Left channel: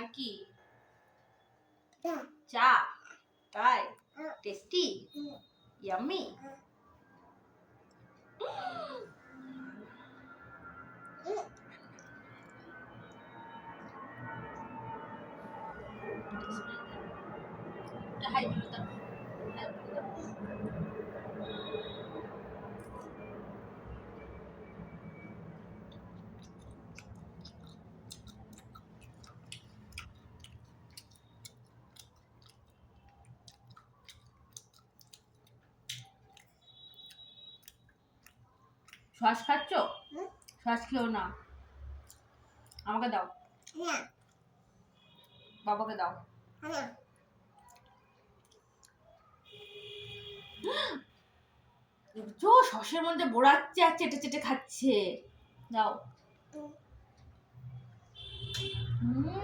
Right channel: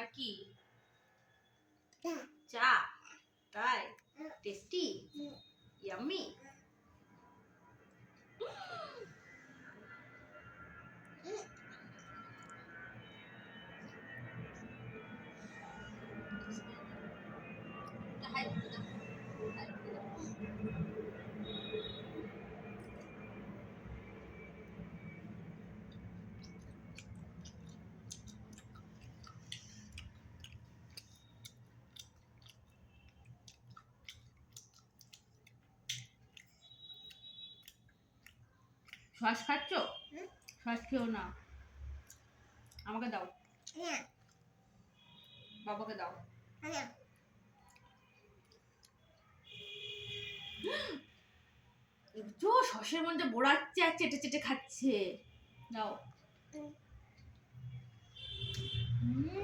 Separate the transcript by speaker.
Speaker 1: আর কি চা তাই টেস্টি ইয়াম্মি হাই শ্বাস খাচ্ছ। শ্বাস খেও না। আমাকে দাও। বাবাকে দাও। দেখছ শসের মধ্যে বোড়াচ্ছে আর চেটে চেটে খাচ্ছে। দাও। হুম।